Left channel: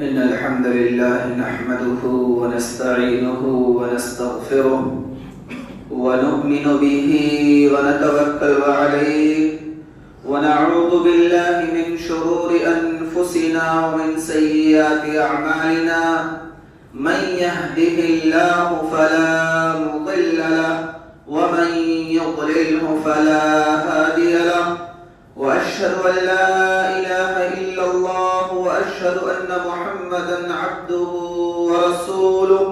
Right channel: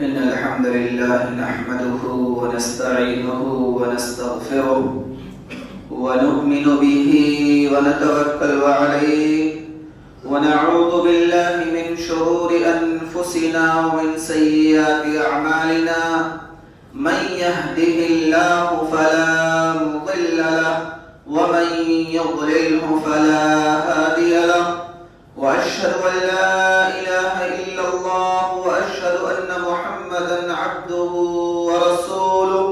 إن الحمد لله نحمده ونستعينه ونستغفره ونؤمن به ونتوكل عليه ونعوذ بالله من شرور أنفسنا ومن سيئات أعمالنا من يهده الله فلا مضل له ومن يضلله فلا هادي له وأشهد أن لا إله إلا الله وأشهد أن محمدا عبده ورسوله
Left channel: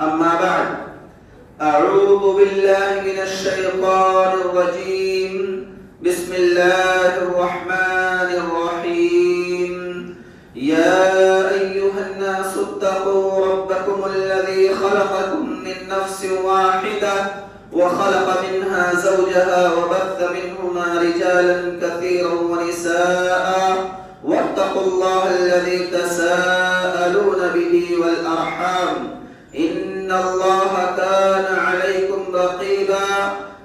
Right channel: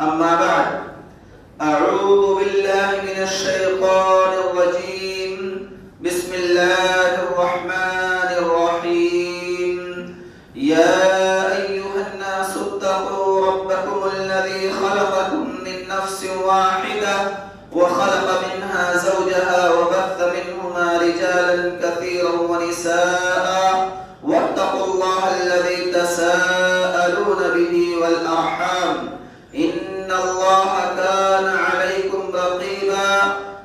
أما بعد أعوذ بالله من الشيطان الرجيم بسم الله الرحمن الرحيم يا أيها الناس اتقوا ربكم الذي خلقكم من نفس واحدة وخلق منها زوجها وبث منهما رجالا كثيرا ونساء واتقوا الله الذي تساءلون به والأرحام إن الله كان عليكم رقيبا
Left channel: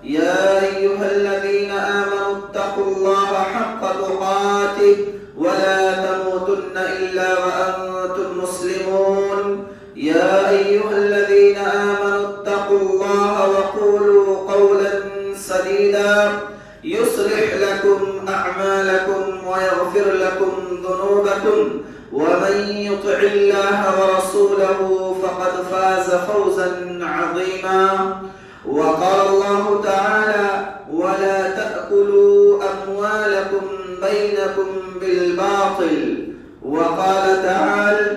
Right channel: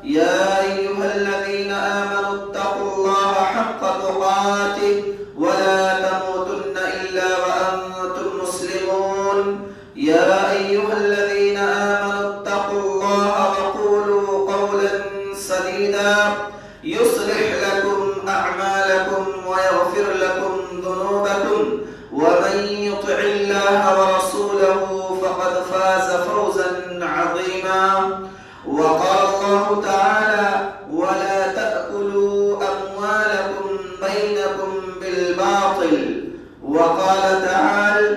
يا أيها الذين آمنوا اتقوا الله حق تقاته ولا تموتن إلا وأنتم مسلمون يا أيها الذين آمنوا اتقوا الله وقولوا قولا سديدا يصلح لكم أعمالكم ويغفر لكم ذنوبكم ومن يطع الله ورسوله فقد فاز فوزا عظيما وقال الله تعالى ولا تأكلوا أموالكم بينكم بالباطل وقال تعالى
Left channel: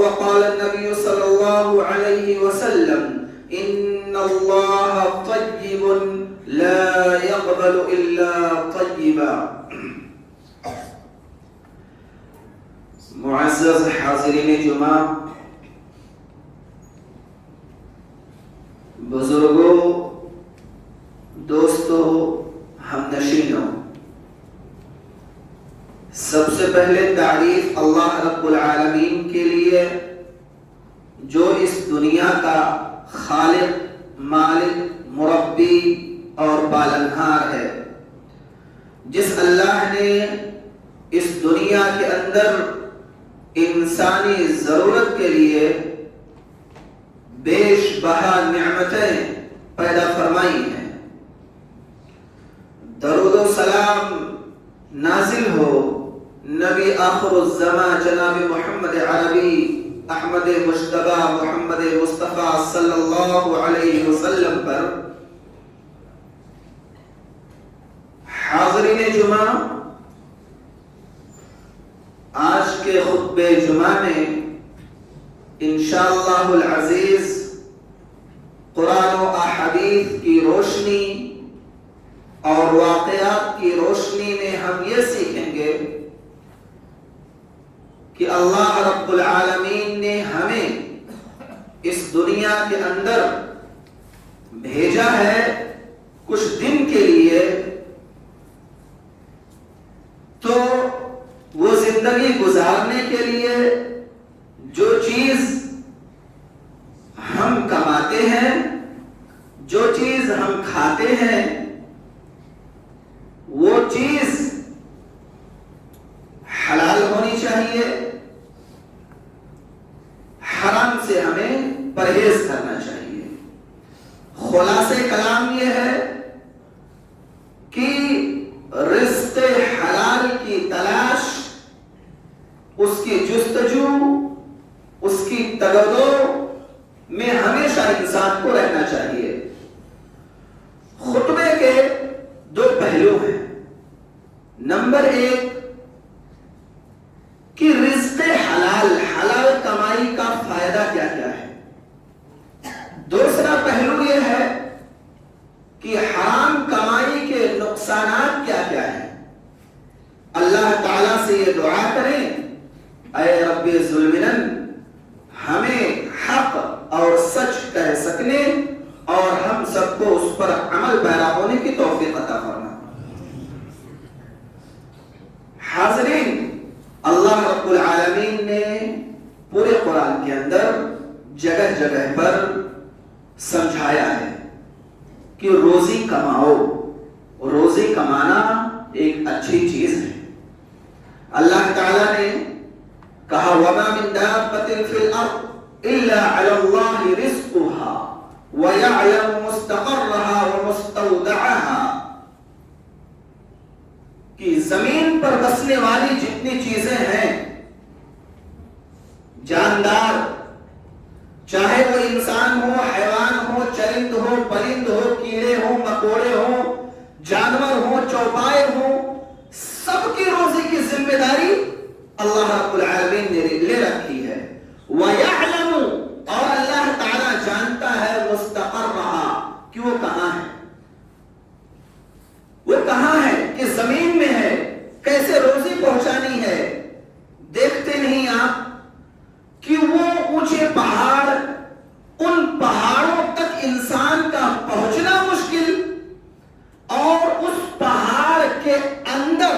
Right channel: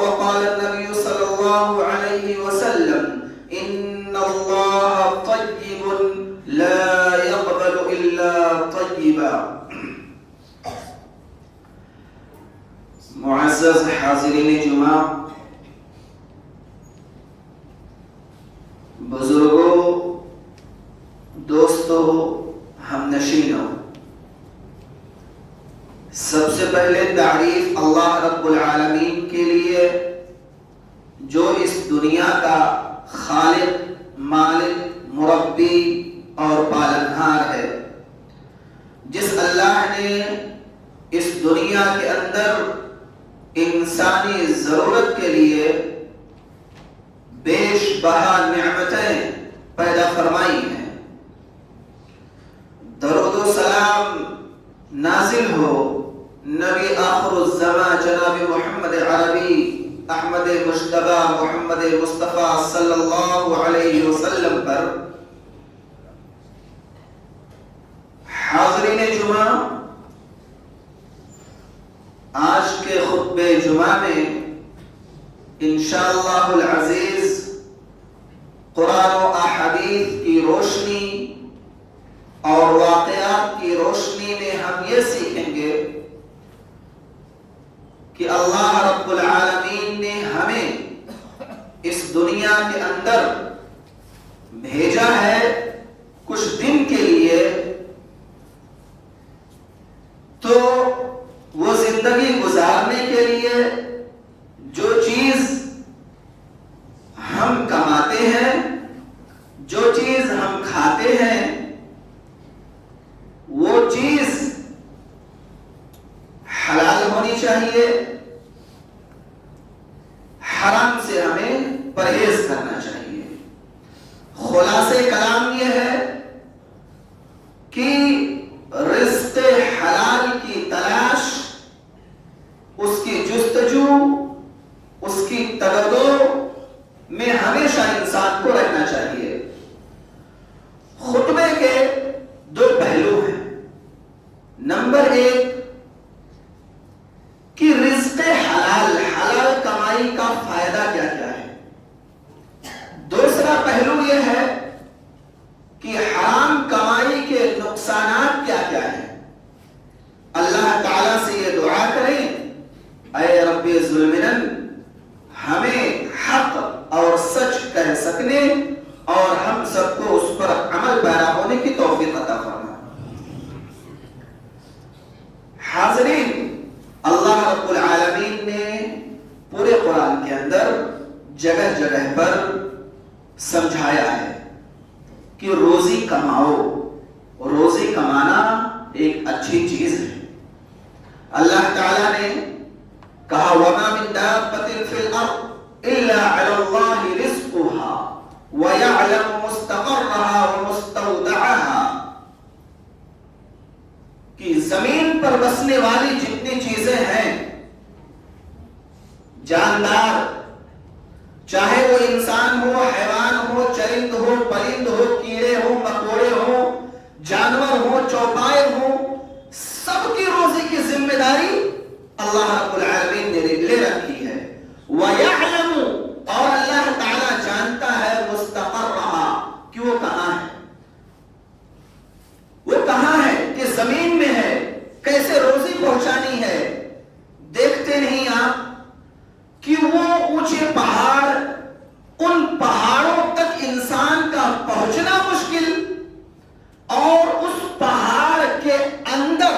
وقال النبي صلى الله عليه وسلم إن الله طيب لا يقبل إلا طيبا. معزز حاضرین جمعہ، بزرگوں، دوستوں، ہمنشینوں، سب سے پہلے تعریف اللہ رب العالمین کے لیے جو اس دنیا کا خالق، مالک، مربی اور پالنہار ہے، جس اللہ نے اس دنیا کے اندر انسانی ضرورت کے لیے بیش بہا نعمتیں پیدا فرمائی ہیں۔ درود و سلام نازل ہو نبی آخر الزمان جناب محمد عربی احمد مجتبی محمد مصطفیٰ صلی اللہ علیہ وسلم پر۔ حاضرین جمعہ، آج کے خطبہ جمعہ میں انشاءاللہ العزیز قرآن و احادیث کی روشنی اور واقعات کی روشنی میں ہم یہ سیکھیں گے کہ اللہ رب العالمین نے ہمیں اس دنیا کے اندر بھیجا ہے کچھ دن کے لیے، تو وہ زندگی گزارنے کے لیے جو چیز ہم کماتے ہیں، جو چیز ہم کھاتے ہیں، وہ چیز حلال ہونی چاہیے، حرام سے ہمیں پرہیز کرنا چاہیے۔ خلاصے کلام یہ ہے کہ رزق حلال کی تلاش، اس کی جستجو، اس کی تگدو میں ہمیشہ انسان کو رہنا چاہیے۔ خطبے کے دو پہلو ہیں۔ نمبر ایک کہ رزق حلال، حلال کمائی کا فائدہ کیا کیا ہے۔ دوسرا پہلو یہ ہے کہ حرام کمائی کے نقصانات کیا کیا ہیں۔ اللہ تعالیٰ سے یہ دعا کریں، اے رب ظلمن، ہمیں حق اور سچ کہہ سکنے اور ہم سب کو اس پر عمل پیرا ہونے کی توفیق عطا فرما۔ حاضرین، اللہ رب العالمین نے پورے قرآن کے اندر جگہ جگہ پر سمجھایا ہے کہ روزی کماؤ، روزی کمانا ایک اچھی چیز ہے۔ اللہ تعالیٰ نے في الأرض إلا على الله رزقها ويعلم مستقرها ومستودعها کہ زمین پر بسنے والی جتنی چیزیں ہیں جاندار، چاہے وہ انسان ہو، حیوان ہو، چرند ہو، پرند ہو، کیڑے ہو، مکوڑے ہو، جانور ہو، چوپائے ہو، سب کی روزی کی ذمہ داری اللہ رب العالمین نے لے رکھی ہے۔ وَيَعْلَمُ، اور اللہ تعالیٰ جانتا ہے مستقرها، کہ وہ کہاں ہے، وہ کہاں ہے، کہ زمین میں ہے، کیسے روزی پہنچانی ہے۔ دیکھتے نہیں آپ کہ وہ اونچے پہاڑ، ان پہاڑوں تک انسان کا پہنچنا مشکل، اور اس پہاڑ کے اندر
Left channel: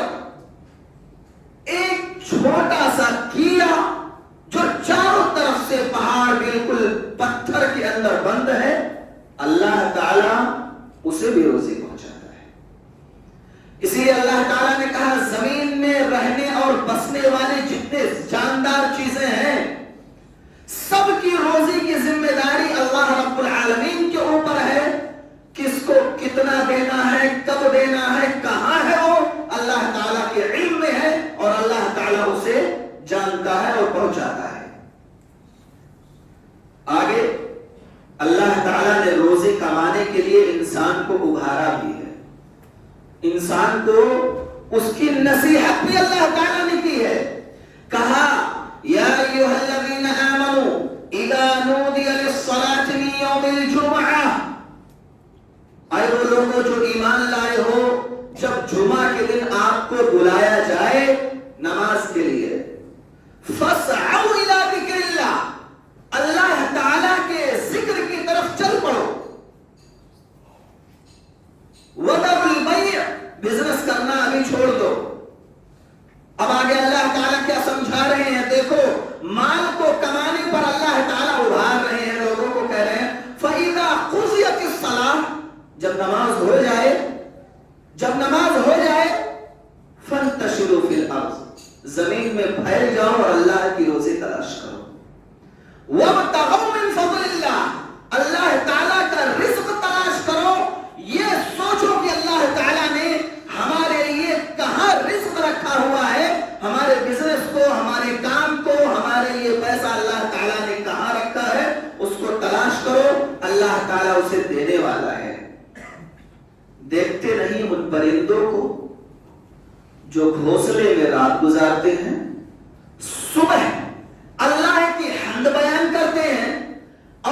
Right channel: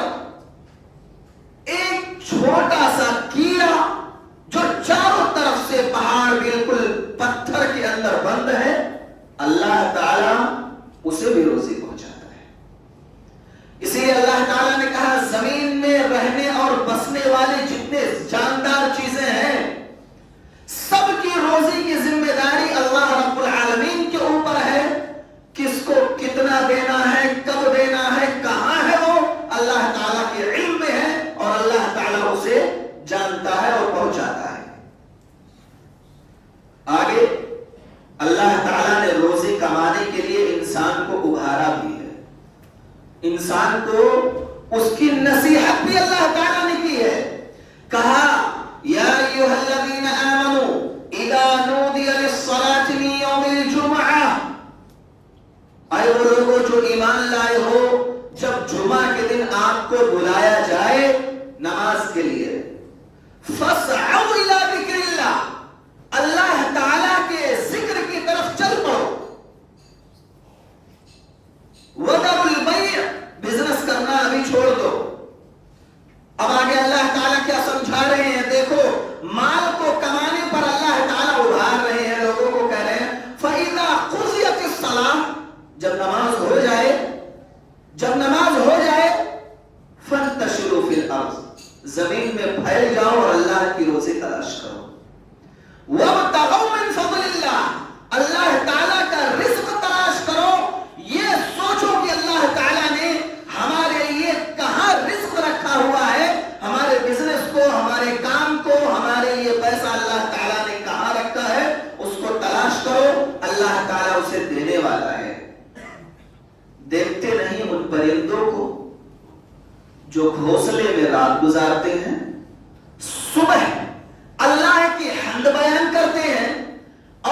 ایک چھوٹا سا کیڑا جو چاروں طرف سے پہاڑ بالکل پتھر کے اندر بند ہے، اللہ تعالیٰ اسے بھی روزی پہنچاتا ہے۔ اس لیے اللہ تعالیٰ نے کہا زمین میں رہنے اور بسنے والے جتنے جاندار چیزیں ہیں سب کی روزی کی ذمہ داری اللہ رب العالمین کے اوپر ہے۔ کس کو کتنا دینا ہے، کب دینا ہے، کہاں ہے، وہ اللہ تعالیٰ کے علم میں ہے، اور اللہ تعالیٰ اسے جانتا ہے اور پہنچاتا ہے۔ آگے اللہ تعالیٰ نے روزی کمانے کے لیے انسان کو ابھارا بھی ہے، انسان کو اس کی نصیحت بھی اللہ تعالیٰ نے کی ہے۔ کہا یا ایھا الذین آمنوا اذا نودی للصلاۃ من یوم الجمعہ، اے وہ لوگوں جو ایمان لائے ہو، جب جمعہ کے دن آپ کو بلایا جائے نماز کے لیے، فاسعوا الی ذکر اللہ، اللہ تعالیٰ کے ذکر کی طرف چل پڑو۔ وذروا البیع، بزنس کرنا ابھی چھوڑ دو۔ اب آگے اللہ تعالیٰ کیا سمجھا رہے ہیں، دیکھو مال کو کمانے پر اللہ تعالیٰ ابھار رہے ہیں، لوگوں کو کہہ رہے ہیں فَإِذَا قُضِيَتِ الصَّلَاةُ، جب نماز ہو جائے فَانْتَشِرُوا فِي الْأَرْضِ، زمین میں پھیل جاؤ اور اللہ کی روزی تلاش کرو۔ وَابْتَغُوا مِنْ فَضْلِ اللَّهِ، اللہ تعالیٰ کا رزق تلاش کرو۔ یہ سوچو کہ اللہ تعالیٰ نے ہمارے لیے کہاں رزق رکھا ہوا ہے، ہمارے بزنس کو، ہمارے کام کو، ہمارے لیے پیسہ اللہ تعالیٰ نے کہاں رکھا ہے، اس کو تلاش کرو، اللہ تعالیٰ اسے دینے والا ہے۔ دیکھتے نہیں ان پرندوں کو جو گھونسلے میں رات گزارتے ہیں، صبح اللہ کی حمد بیان کرتے ہیں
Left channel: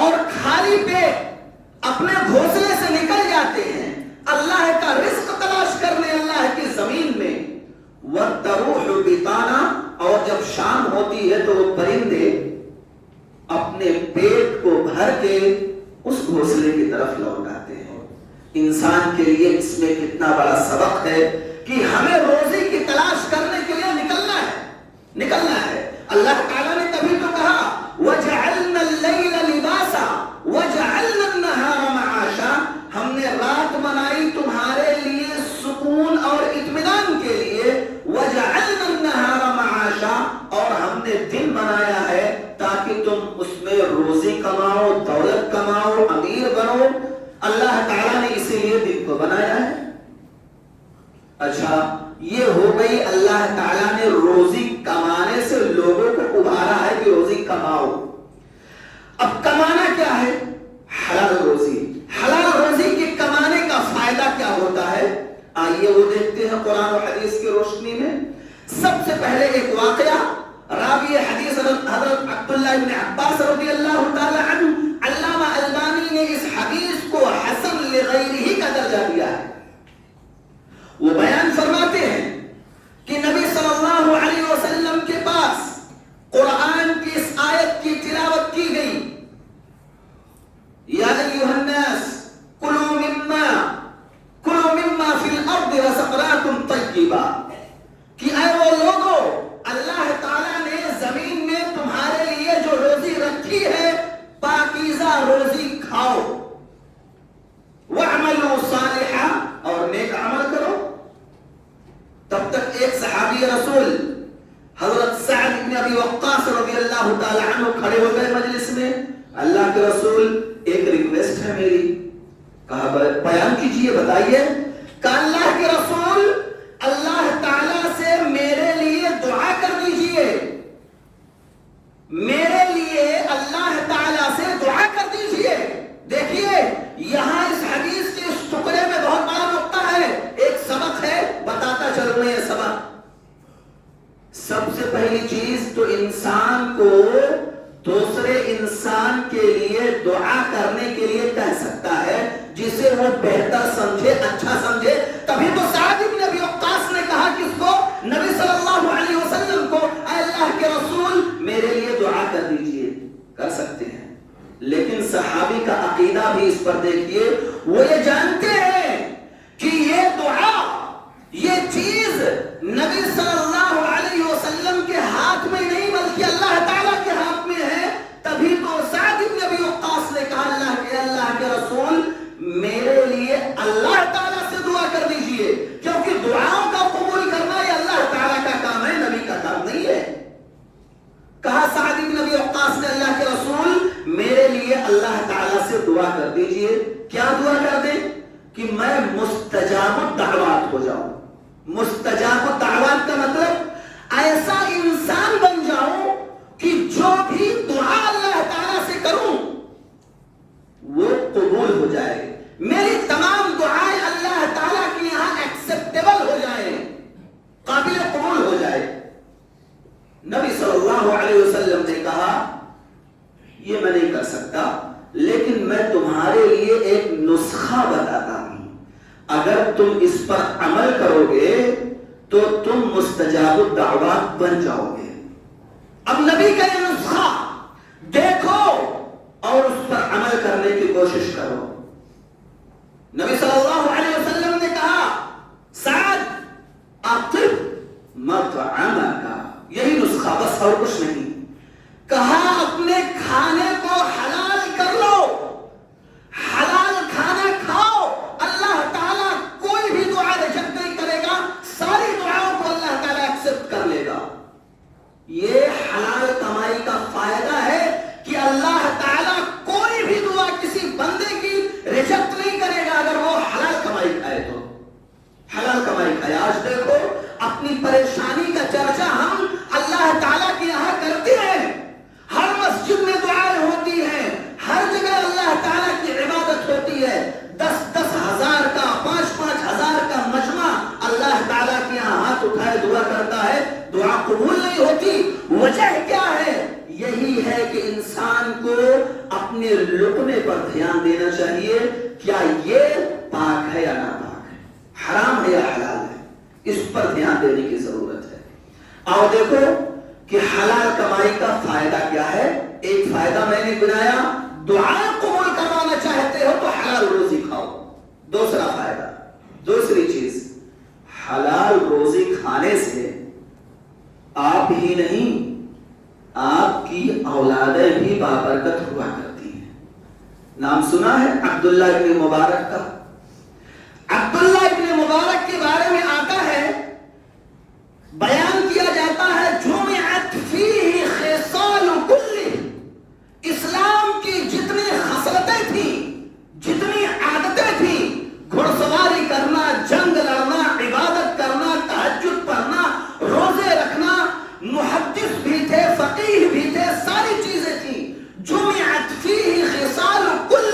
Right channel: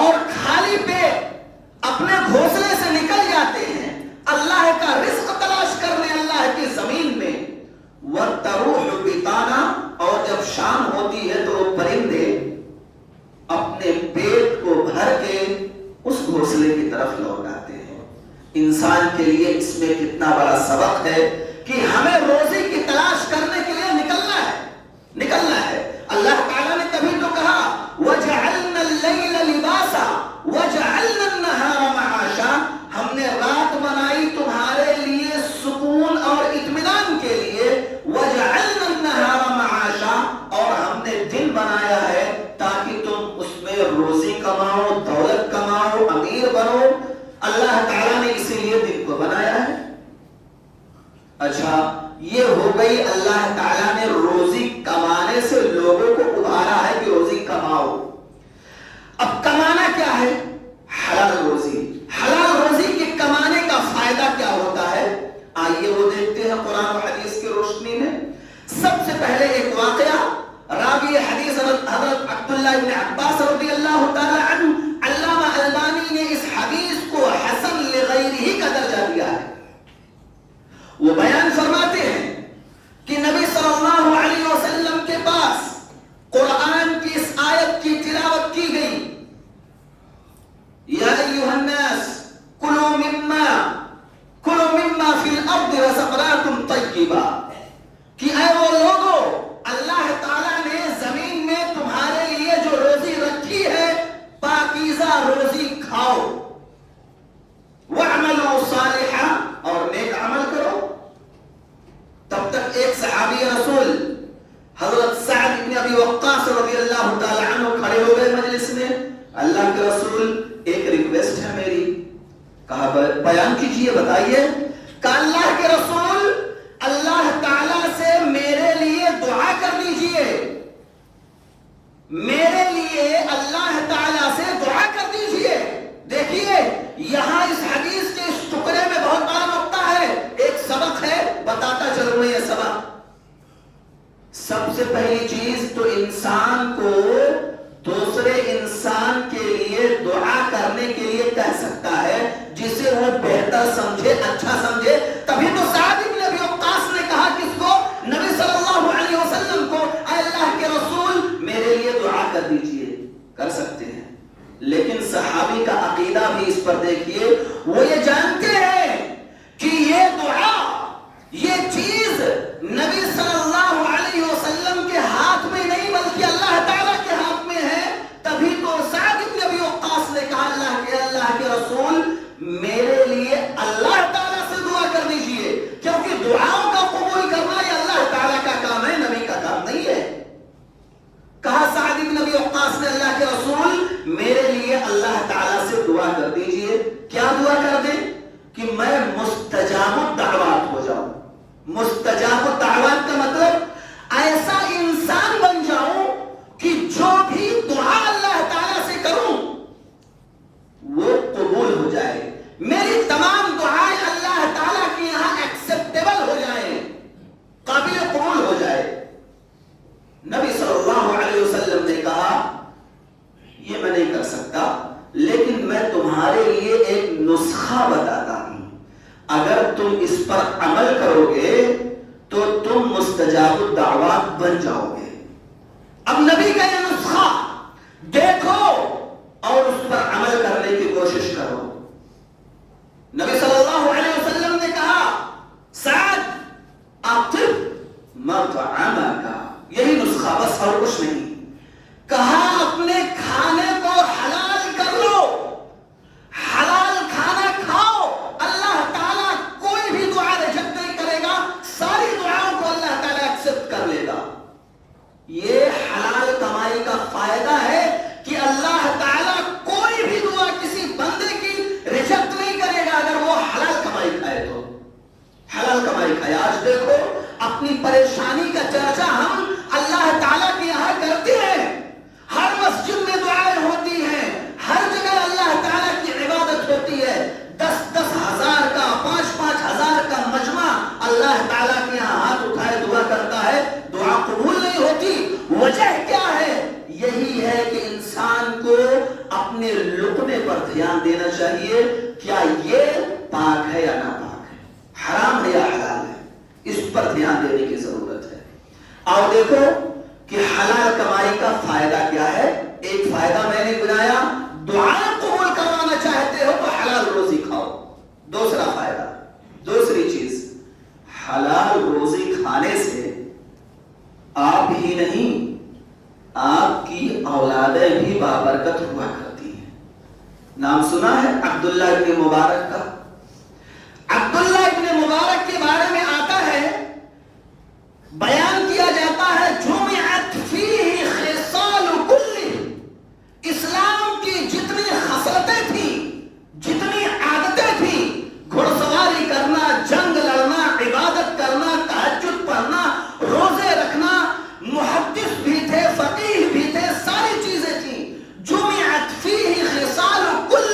اور خالی پیٹ اپنے گھونسلے سے نکل جاتے ہیں اللہ کا رزق تلاش کرنے اللہ کی زمین میں۔ وَالتَّرُوحُ بِطَانًا، اور جب شام ہوتی ہے تو وہ پرندے اپنے پیٹ کو بھر کے اس گھونسلے کی طرف لوٹ آتے ہیں۔ انسان کے لیے اس میں کتنا بڑا سبق ہے کہ ہمیں روزی کی تلاش کرنے کے لیے نکلنا ہے۔ اللہ تعالیٰ نے تبھی تو کہا وَجَعَلْنَا اللَّيْلَ لِبَاسًا وَجَعَلْنَا النَّهَارَ مَعَاشًا، ہم نے رات بنائی تمہارے لیے سکون اور اطمینان کے لیے، وَجَعَلْنَا النَّهَارَ مَعَاشًا، اور ہم نے دن بنایا ہے تاکہ تم اس میں روزی کماؤ، دولت کماؤ، امیر بنو۔ اللہ تعالیٰ نے اسی لیے دن کو بنایا ہے۔ اچھا، یہ ہو گئی اللہ تعالیٰ نے روزی کمانے سے لوگوں کو ابھارا ہے کہ روزی کماؤ۔ اب کمانا کیا ہے؟ حلال روزی۔ حلال روزی کے کمانے کا فائدہ کیا ہوتا ہے؟ آئیے وہ دیکھتے ہیں قرآن و حدیث کی روشنی میں۔ سب سے پہلے ایک واقعہ، راوی حدیث حضرت عبداللہ بن عباس رضی اللہ تعالی عنہ، علامہ البانی نے اس حدیث کو حسن لغیرہ کا درجہ دیا ہے۔ وہ بیان فرماتے ہیں کہ نبی صلی اللہ علیہ وسلم کے پاس قرآن کی اس آیت کی تلاوت کی گئی، یا ایھا الناس کلوا مما فی الارض رزقناکم طیبا، کہ اے وہ لوگوں، اللہ تعالیٰ نے زمین میں تمہارے لیے جو روزی رکھی ہے پاکیزہ روزی کھاؤ۔ ہے میری؟ کہا بیان کیجیے، بتائیے۔ کہا اللہ کے رسول اللہ تعالیٰ سے میرے لیے دعا کر دیجیے، میرے لیے اللہ تعالیٰ سے دعا کر دیجیے۔ دیکھیے یہاں اس حدیث کے اس ٹکڑے میں بہت بڑا نقطہ ہے، ایک سبق ہے، بتاتا چلوں یہ سبق۔ سب سے پہلی چیز تو انسان کو دوسرے انسان کے لیے دعا کرنے کے لیے کہہ سکتا ہے جسے وہ بہتر سمجھے، اچھا سمجھے۔ تبھی تو سعد بن ابی وقاص نے کہا کس کو؟ نبی صلی اللہ علیہ وسلم کو، اے اللہ کے رسول میرے لیے دعا کر دیجئے۔ کر سکتے ہیں، لیکن صحابی کا عقیدہ بھی اس پر دیکھیے، وہ یہ جانتے ہیں کہ یہ دعا، یہ چیز نبی صلی اللہ علیہ وسلم کے ہاتھ میں نہیں بلکہ اللہ تعالیٰ کے ہاتھ میں ہے۔ تبھی تو سعد بن ابی وقاص نے کہا اللہ کے رسول میرے لیے اللہ تعالیٰ سے دعا کر دیجئے، کیونکہ دعاؤں کا قبول کرنا یہ اللہ تعالیٰ کا کام ہے، نبی کا کام نہیں ہے۔ کہا سعد بن ابی وقاص نے اللہ کے رسول میرے لیے اللہ تعالیٰ سے دعا کر دیجئے۔ کیا دعا کر دیں؟ کہ میں مستجاب الدعوات ہو جاؤں۔ مستجاب الدعوات کا مطلب ایسا انسان بن جاؤں کہ جو بھی دعا اللہ تعالیٰ سے کروں وہ قبول ہو جائے، میری تمام دعائیں اللہ تعالیٰ کے یہاں ایکسپٹیبل ہو جائیں، قابل قبول ہو جائے۔ نبی صلی اللہ علیہ وسلم نے کہا یہ میں نہیں کر سکتا، لیکن میں تمہارے لیے ایک نسخہ بتاتا ہوں، اگر تم اس پر عمل کرو گے تو تم مستجاب الدعوات بن جاؤ گے۔ اب نبی کا یہ نسخہ دیکھو اور اس پر عمل کرنے کی کوشش کرو۔ نبی صلی اللہ علیہ وسلم نے کہا سعد اطب مطعمک، یہی نسخہ بس اور کچھ نہیں۔ کہا اپنے کھانے کو حلال کر لو، حلال کھانا کھاؤ، اللہ تعالیٰ کوئی بھی دعا ریجیکٹ نہیں کرے گا، ساری دعاؤں کو اللہ تعالیٰ ایکسپٹ کر لے گا۔ یہ حلال کمائی کا فائدہ ہے کہ اللہ تعالیٰ کوئی بھی دعا کسی بندے کی ریجیکٹ نہیں کرے گا اگر وہ حلال کمائی کھائے تو۔ حلال کمائی کھائے۔ آج دیکھو اپنی پریشانی کا چرچا ہم اللہ تعالیٰ کے یہاں کرتے ہیں، ہر مسجد میں دعائیں ہوتی ہیں، ہر جگہ اللہ تعالیٰ کی عبادت ہوتی ہے، 10-10 ہزار کا 5-5 ہزار کا مجمع اللہ تعالیٰ کے یہاں ہاتھ اٹھائے دعا کرتا ہے، دعا قبول نہیں ہوتی۔ وجہ کیا ہے؟ یہی ہے کہ انسان کو اپنے لقمے پر دھیان دینا چاہیے، کیا یہ پاک ہے یا ناپاک ہے، حرام ہے یا حلال ہے، اس پر دھیان دینے کی ضرورت ہے۔ اور دیکھو کہ حلال کمائی کا فائدہ کیا ہے۔ ایک فائدہ میں نے بنایا، دعائیں قبول کروانا چاہتے ہو تو حلال روزی کھاؤ۔ دوسرا فائدہ، دوسری چیز، حلال روزی کھانے سے آپ ہی نہیں آپ کی اولادیں بھی بابرکت ہوا کرتی ہیں۔ نام سنا ہے عبداللہ ابن مبارک کا؟ عبداللہ ابن مبارک کے بارے میں آتا ہے، بیان کیا جاتا ہے جمعت فیہ خصال کل، اسلام کی جتنی خصلتیں تھیں، جتنی عادتیں تھیں، گھڑ سواری کرنا، جنگ لڑنا، عبادت کرنا، تہجد پڑھنا، روزے رکھنا، محدث بھی تھے، فقیہ بھی تھے، ساری چیزیں تھیں۔ جمعت فیہ خصال کل،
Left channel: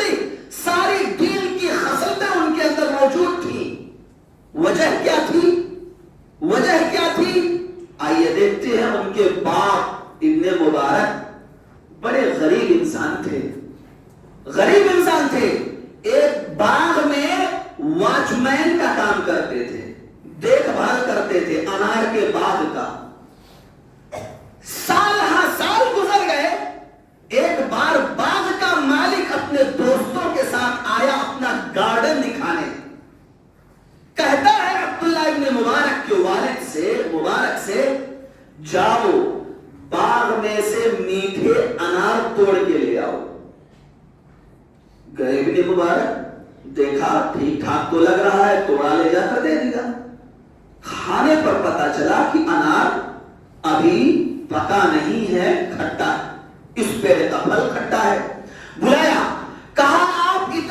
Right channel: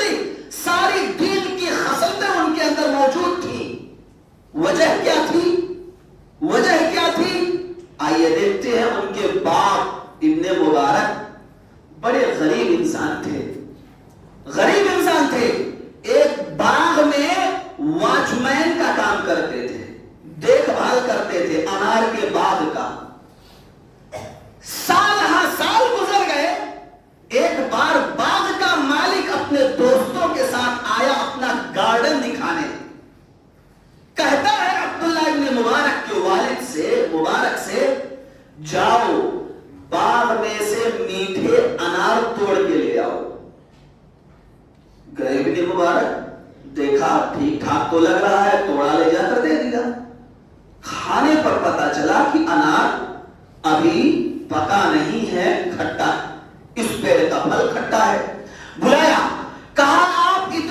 ساری دین کی خصلتیں ان کے اندر موجود تھیں۔ وجہ کیا تھی؟ وجہ کیا تھی؟ آئیے دیکھتے ہیں۔ ان کے باپ ابن مبارک بڑے غریب انسان تھے، غریب انسان تھے، ایک باغ میں واچ مین کا کام کرتے تھے، دیکھ بھال کرتے تھے انار کے باغ کا۔ سال ہاں سال گزر گئے، ایک بار باغ کا مالک اپنے دوستوں کے ساتھ آیا اپنا گارڈن دکھانے، کہتا ہے عبداللہ ابن مبارک کے والد سے، مبارک سے، جاؤ باغ میں سے میٹھے انار توڑ کے لے آؤ۔ گئے ابن مبارک، دیکھا ٹھیک ٹھاک تو لگ رہا ہے، توڑا لے جا کر دے دیا۔ کھانے پر پتا چلا کہ انار ابھی پکا نہیں ہے، کھٹا ہے، اس پیڑ کا پھل کھٹا ہے۔ بلایا، کہا آپ اتنے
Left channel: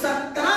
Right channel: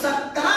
17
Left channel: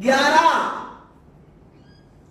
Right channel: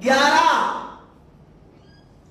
11।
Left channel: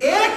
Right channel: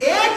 1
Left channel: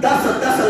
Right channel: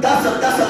10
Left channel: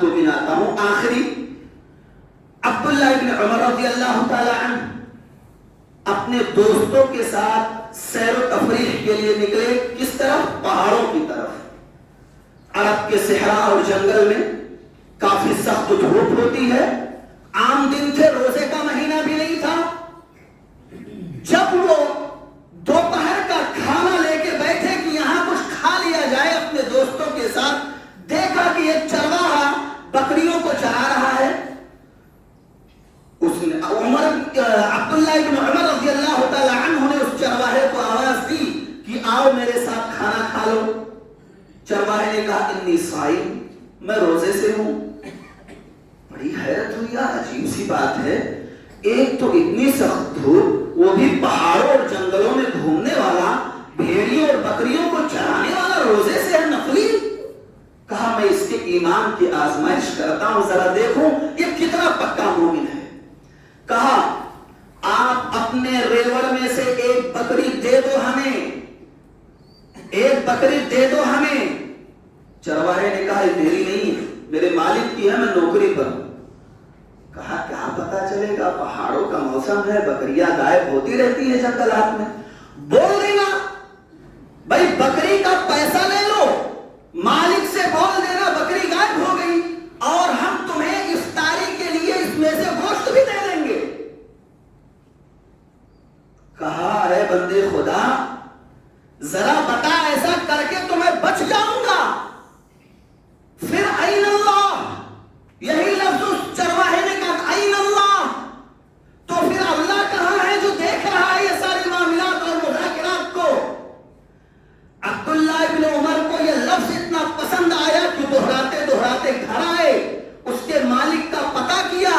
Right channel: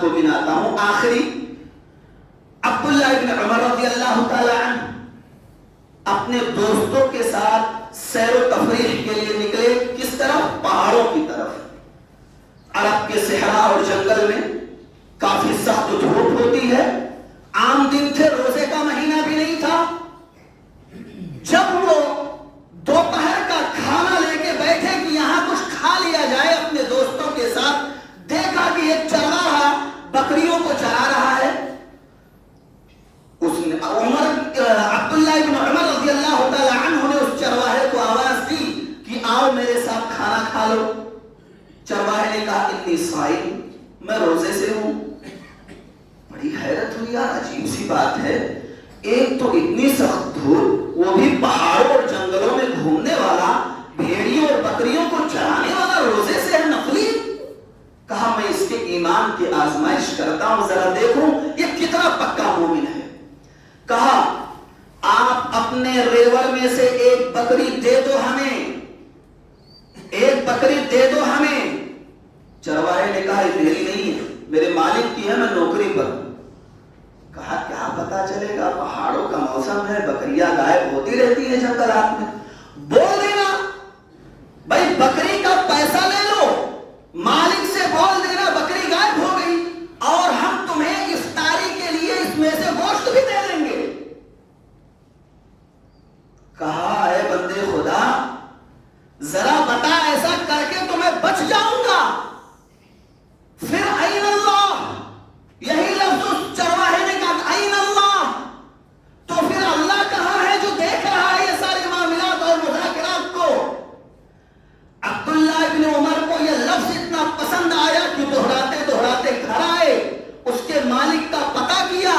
بات کو گناتا ہوں آخری. عبداللہ ابن عمر رضی اللہ تعالی عنہ اپنے دوستوں کے ساتھ سیر و تفریح کے لیے نکلے. کس طرف؟ پہاڑوں کی طرف. عرب کے صحرا اور جنگل میں کافی سخت دھوپ ہوتی ہے. عام دن تھے، روزے کا مہینہ بھی نہیں تھا. جب وہ دوپہر کا کھانا لے کے بیٹھے کہ یہاں کچھ کھا لیا جائے اپنے دوستوں کے ساتھ، دیکھا کہ ایک چرواہا بکریوں کو چرا رہا ہے. اس نے عبداللہ ابن عمر رضی اللہ تعالی عنہ نے اس چرواہے کو آواز دی کہ آؤ میرے ساتھ کھانا کھا لو. چرواہے نے کہا انی صائم، میں روزے سے ہوں. بڑی حیرت ہوئی، عجیب سی بات ہے. ایک تو اتنی سخت دھوپ، وہ بھی پہاڑوں اور جنگلوں میں گھومنے والا، بھیڑیوں اور بکریوں کو چرانے والا، روزے سے ہے نفلی. کہا میں اس کے ایمان کی آزمائش کرتا ہوں، ذرا دیکھوں یہ کتنا پکا مومن ہے. کہا آپ اپنے ریوڑ میں سے ایک بکری دے دو ہمیں، ایک بکری دے دو ہمیں. چرواہے نے کہا یہ میری نہیں ہے، میرے مالک کی ہے، میں نوکری پر ہوں. کہا کیا پتا چلے گا، پہاڑوں کا موسم ہے، بکریاں غائب ہوتی رہتی ہیں جنگلات میں. بول دینا بھائی بکری کا پیسہ لے لو، مالک سے بول دینا بکری غائب ہو گئی اور ہم تمہیں افطاری کے لیے اس میں سے گوشت بھی دے دیں گے. کہا اے بندے خدا ذرا بتا، ایسا کر کے تو میں بچ جاؤں گا. پھر این اللہ، یہی لفظ اس چرواہے نے کہا این اللہ. تو پھر اللہ کہاں ہے جو دیکھ رہا ہے یہ ساری معاملات اور مذاکرات کو؟ عبداللہ ابن عمر کو یہ لفظ اتنا پسند آیا کہ دہراتے دہراتے گھر آئے، اس کے مالک کا پتہ کیا،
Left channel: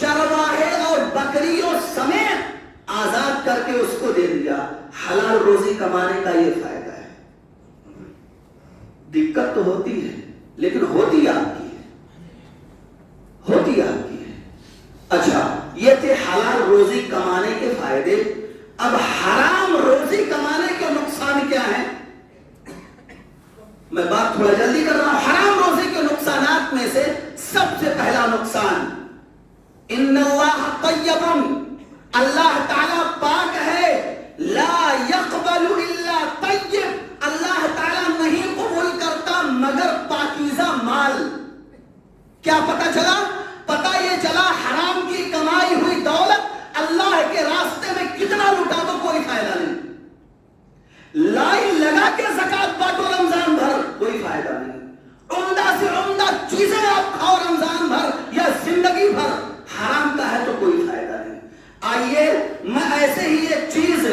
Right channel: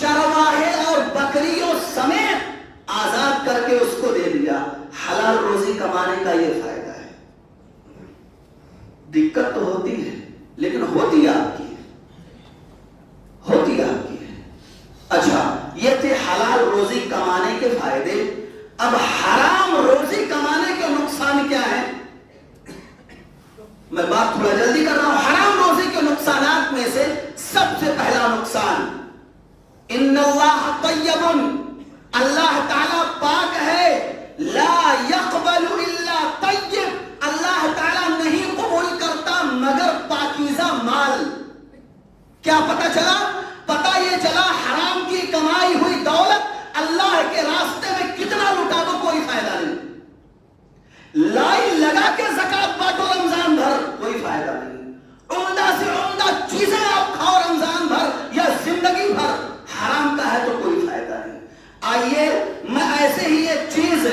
چرواہے اور بکریوں سمیت آزاد کر کے اس کو دے دیا. حلال روزی کمانے کا یہ فائدہ ہے. دقت تو ہوتی ہے لیکن ہوتی آپ کی ہے، ہوتی آپ کی ہے. اچھا یہ تھے حلال روزی کمانے کے فائدے. اب حرام روزی کمانے کے نقصان کیا ہے؟ میں بات تھوڑا جلدی کر رہا ہوں. حرام روزی کے نقصانات میں سے سب سے پہلا نقصان، ان اللہ طیب، اللہ تعالیٰ پاک ہے، لا یقبل الا طیب، اللہ تعالیٰ نہیں قبول کرتا مگر پاکیزہ مال. کیا پتہ چلا؟ پتہ یہ چلا حرام کی کمائی ہوئی دولت اللہ کے راستے میں کتنا لٹا دو کوئی فائدہ نہیں. لائن لگا کے زکات بانٹو رمضان بھر، کوئی فائدہ نہیں. عمدہ سے عمدہ چیزیں آپ کھاؤ رمضان بھر یا زندگی بھر، حرام کا ہے تو کوئی فائدہ نہیں. آئیے میں ایسے ہی ایک چیز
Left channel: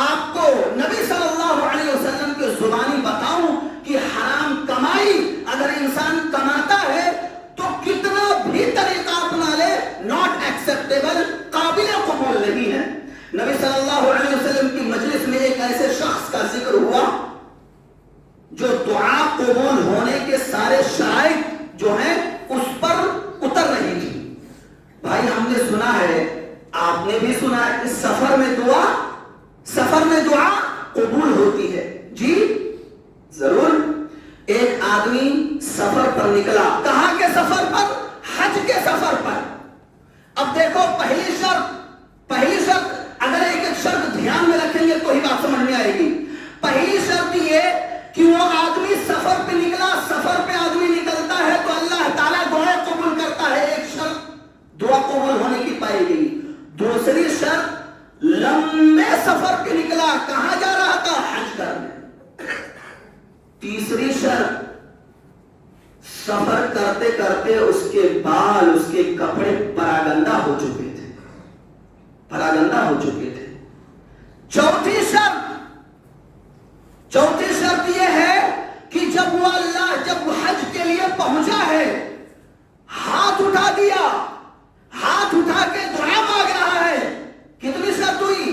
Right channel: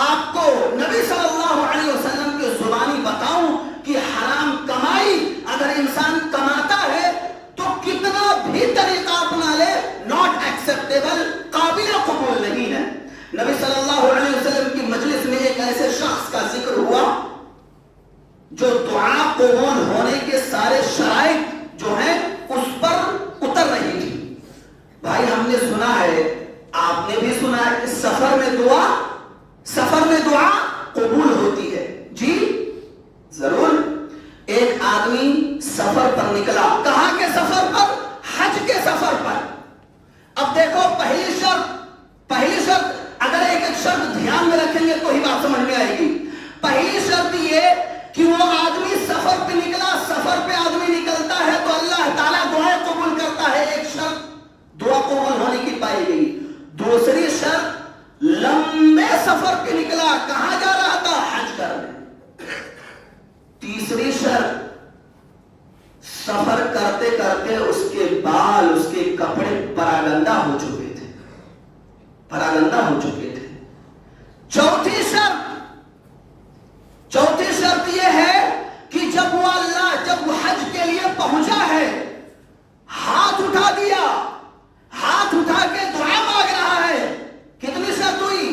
آپ کو نبی صلی اللہ علیہ وسلم کی زبانی بتاؤں کہ حرام کمائی اگر انسان کماتا ہے تو کتنا بھی طریقہ اپنا لے ناٹ ایکسپٹیبل، قابل قبول نہیں ہے. نبی صلی اللہ علیہ وسلم کی مجلس میں ایک ایسے شخص کا ذکر ہوا جو دعا قبول ہونے کے سارے شرائط جو ہیں اس پر اتر رہی تھی. بھائی ہم نے سنا ہے، آپ نے بھی سنا ہے کہ سفر میں دعا قبول ہوتی ہے. جی ضرور. ایک آدمی سفر پر نکلا. کہاں کے سفر پر؟ حج کے سفر پر. اب دیکھو پہلی شرط اگر ایک شرط دھیان میں رکھیں گے تو ہی بات سمجھ میں آئے گی. پہلی شرط یہ کہ وہ آدمی سفر پہ نکلا. سفر پہ آدمی نکلتا ہے تو اللہ تعالیٰ دعائیں قبول کرتا ہے. ایک شرط دعا قبول ہونے کی پائی گئی. دوسری شرط لمبے سفر پہ نکلا. کہاں جا رہا تھا؟ حج کرنے. تیسری شرط سفر کرتے کرتے اس کے بال، اس کے کپڑے پراگندہ ہو چکے تھے. چوتھی شرط یہ ہے کہ جب وہ حج کے لیے پہنچا ہے، ہاتھ اٹھا دیا، ہاتھ اٹھا کے دعا مانگ رہا ہے. کتنی شرط ہوئی؟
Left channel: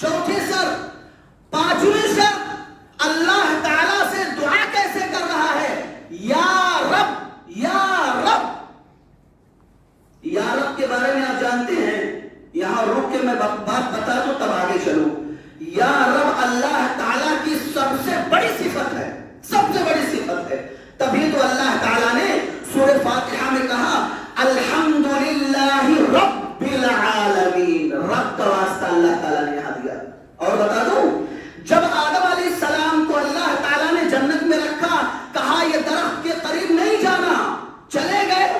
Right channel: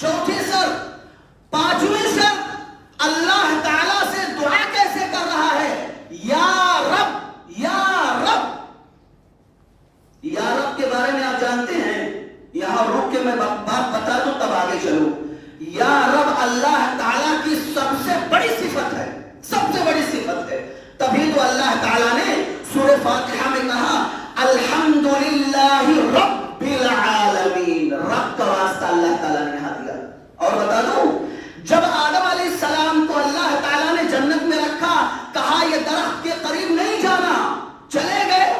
چوتھی شرط. پانچویں شرط اللہ تعالیٰ سے دعا کیسے کر رہا ہے؟ یا رب یا رب. یا رب کے بارے میں آپ جانتے ہیں، یہاں رک کے میں بات بتا دوں تب آگے چلوں. یا رب اللہ تعالیٰ کی سب سے بڑی صفت ہے، سب سے بڑی صفت ہے. تبھی تو اللہ تعالیٰ نے سورہ فاتحہ میں کہا الحمدللہ رب العالمین، رب کا واسطہ اللہ تعالیٰ نے یہاں دیا. اور بتا دوں، جب آدم علیہ السلام کو اللہ تعالیٰ نے جنت میں رکھا، کہا یہ درخت کے قریب نہیں جانا، چلے گئے.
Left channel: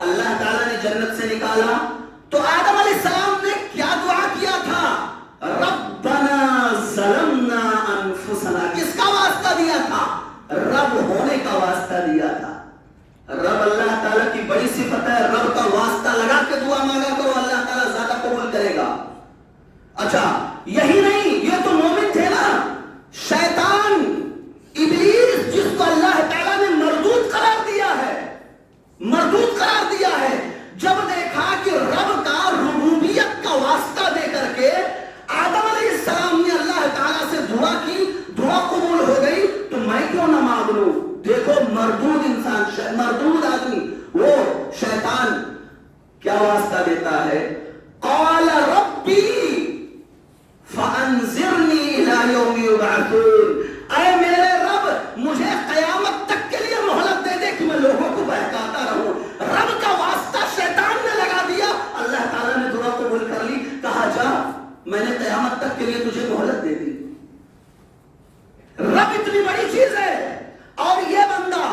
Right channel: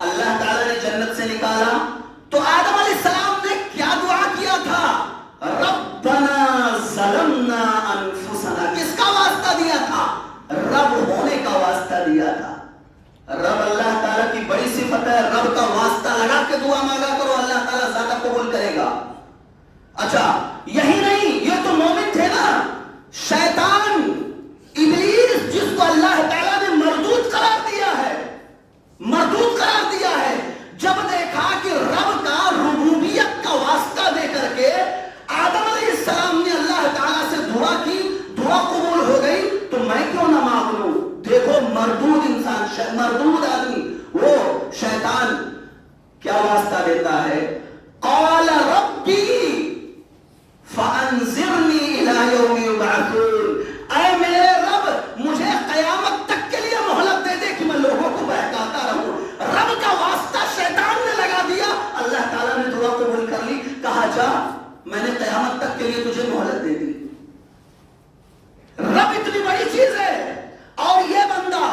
اللہ تعالیٰ نے جنت سے نکالا تو آدم علیہ السلام نے کیا دعا کیا تھا؟ ربنا ظلمنا انفسنا. کس کا واسطہ دیا تھا؟ رب ہونے کا واسطہ دیا تھا. رب اللہ تعالیٰ کی بڑی صفت ہے، رب کا واسطہ لگا کے دعا مانگا کرو، اللہ تعالیٰ زیادہ قبول کرے گا. اچھا یہی نہیں، یہ تو مومن تھے نا. شیطان ابلیس جس کو اللہ تعالیٰ نے مردود قرار دیا ہے، مردود قرار دیا ہے، جب دیکھا کہ رب کا ربوبیت کا واسطہ دے کر کے آدم علیہ السلام نے اللہ تعالیٰ سے دعا کی، دعا قبول ہو گئی، تو میں کیوں نہ مانگ لوں. دیکھو مردود انسان، مردود آدمی، وہ شیطان کیا واسطہ دیتا ہے؟ قال ربی فانظرنی الی یوم یبعثون. اے میرے رب مجھے قیامت تک کے لیے مہلت دے دے کہ میں لوگوں کو بہکاتا رہوں. رب کا واسطہ شیطان نے لگا دیا، اللہ تعالیٰ نے دعا قبول کر لی. کہا جا میں نے قیامت تک کے لیے تجھے مہلت دے دی. رب اتنی بڑی چیز ہے، اور یہ بندہ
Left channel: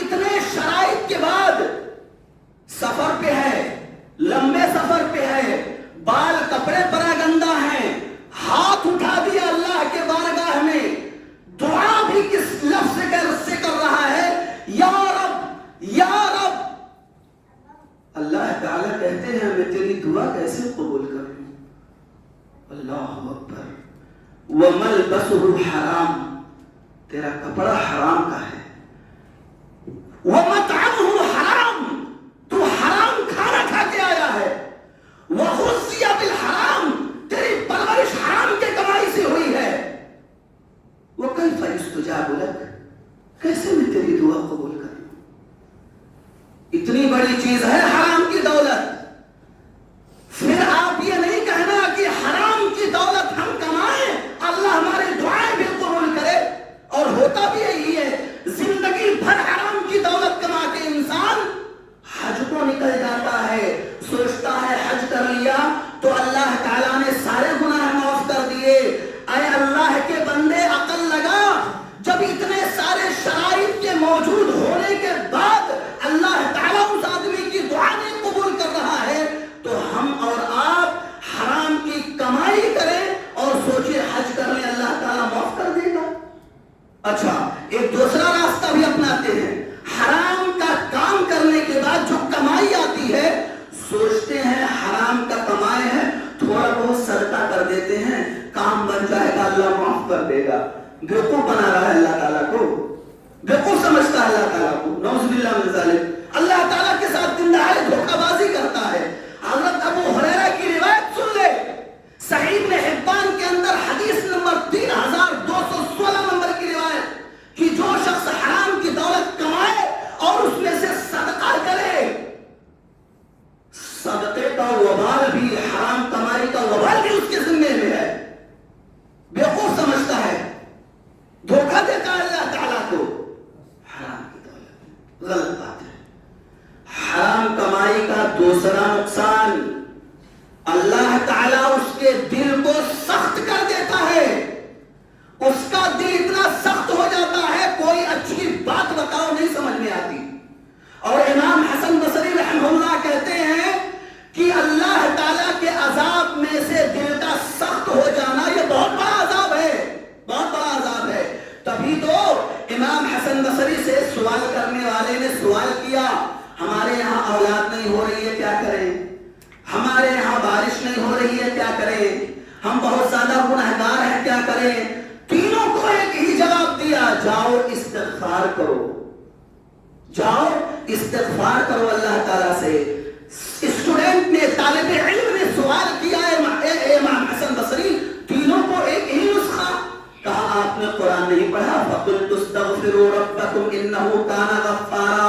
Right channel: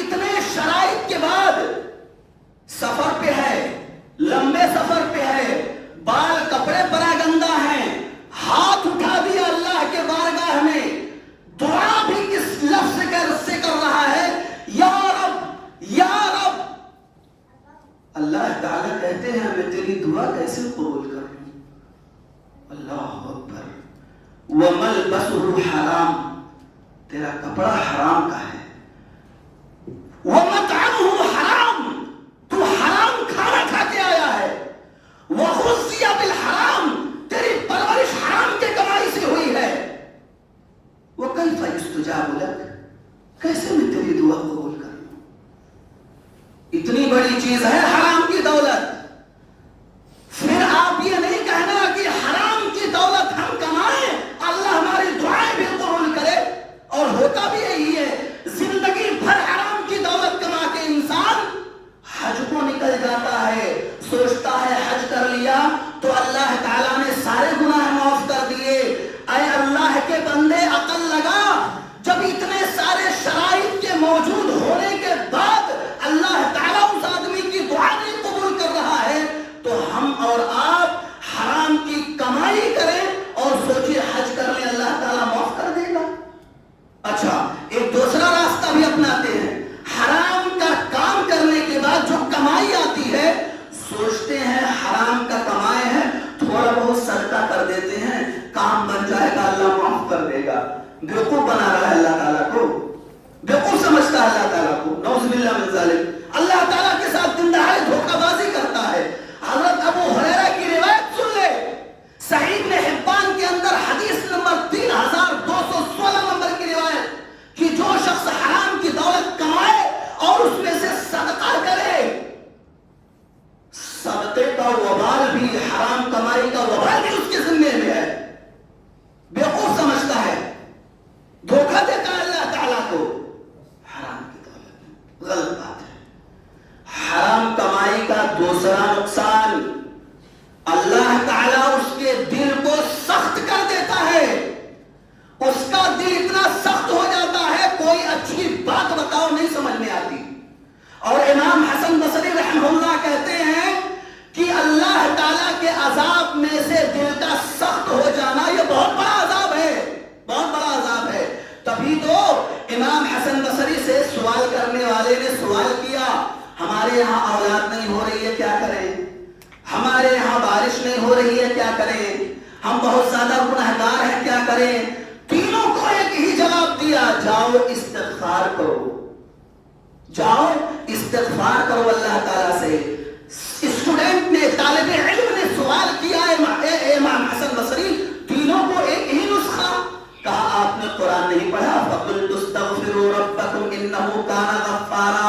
اتنے شرائط کے بعد سفر پہ ہے، لمبے سفر پہ ہے، بال کپڑے پراگندہ ہیں، ہاتھ اٹھا دیا اللہ کے بارگاہ میں، دعا بھی کس لفظ سے کر رہا ہے؟ یا رب یا رب. اللہ تعالیٰ کہتے ہیں میں تیری دعا کیسے قبول کروں؟ اللہ اکبر. وَمَلْبَسُهُ حرام، تیرا کپڑا حرام کا ہے. وَمَطْعَمُهُ حرام، تو حرام کھانا کھا کے آیا ہے. وَغُذِّيَ بِالْحَرام، تیری پرورش حرام کے کمائی سے ہوئی ہے. وَكَيْفَ يُسْتَجَابُ لَكَ، کیسے میں تیری دعا قبول کروں؟ اتنی بڑی چیز ہے حرام کی دولت. پھر آپ یہ نہیں کہنا کہ حرام کی دولت ہم کمائیں اللہ ہماری دعائیں بھی قبول کرے. اور ہوتا بھی یہی ہے، زندگی بھر حرام کی دولت کما کے انسان حج کو نکل جاتا ہے، سوچتا ہے حج کر لیا تو اللہ تعالیٰ نے سارے گناہ معاف کر دیے. اے اللہ کے بندے عقل لگا، جب اتنے سارے شرائط کے موجود ہونے کے بعد اللہ تعالیٰ اس آدمی کی دعا نہیں قبول کر رہا ہے، تو ہم اور آپ حرام کی کمائی کریں اور سوچے حج کر لیں اللہ تعالیٰ معاف کر دے گا. اچھا ایک دوسرا راستہ بھی اپناتے ہیں. حرام کا کام کرنے کے بعد جو کمائی آتی ہے، سوچتے ہیں حرام کا کمائے ہیں، تھوڑا بہت صدقہ کر دیتے ہیں، کام بن جائے گا اللہ معاف کر دے گا. بیوقوف بنا رہا ہے اللہ تعالیٰ کو، بیوقوف سمجھتا ہے اللہ تعالیٰ کو. نعوذ باللہ من ذالک، اللہ تعالیٰ کے ساتھ دن دہاڑے دھوکہ بازی کرتا ہے. حضرت ابو ہریرہ کی روایت سن لے، صحیح ابن حبان کے اندر حدیث نمبر 3216 نمبر کی روایت کہ جو شخص حرام کی دولت کمائے اور اس میں سے صدقہ کرے، صدقے کا وبال بھی، حرام کمائی کا وبال بھی اس کے ذمے میں ہے. بیوقوف سمجھتا ہے، دھوکہ دیتا ہے اللہ تعالیٰ کو. حرام کی دولت غلط بات ہے. حرام کمائی کا دوسرا نقصان، اللہ تعالیٰ اس کے دل کو سخت کر دیتا ہے. اس کا دل اتنا سخت ہو جاتا ہے کوئی اچھی بات بتاؤ نہیں سمجھ میں آتی. اور امام حسن بصری رحمہ اللہ کہتے ہیں کہ اللہ تعالیٰ کے عذاب میں سے دل کا سخت ہو جانا یہ بہت بڑا عذاب ہے، بہت بڑا عذاب ہے. تبھی تو امام حسن بصری سے سوال کرنے والے نے سوال کیا، ہمارے یہاں اولاد نہیں ہو رہی ہے کیا کریں، ہمارے یہاں بارش نہیں ہو رہی ہے کیا کریں، ہم بہت زیادہ گنہگار ہیں کیا کریں. تینوں کو ایک ہی جواب دیا، جاؤ استغفار کرو، جاؤ استغفار کرو اللہ تعالیٰ سے. اسٹوڈنٹ نے، طالب علم نے سوال کیا امام حسن بصری، تینوں کو ایک ہی نسخہ. کہا آپ نے قرآن نہیں پڑھا؟ فَقُلْتُ اسْتَغْفِرُوا رَبَّكُمْ إِنَّهُ كَانَ غَفَّارًا.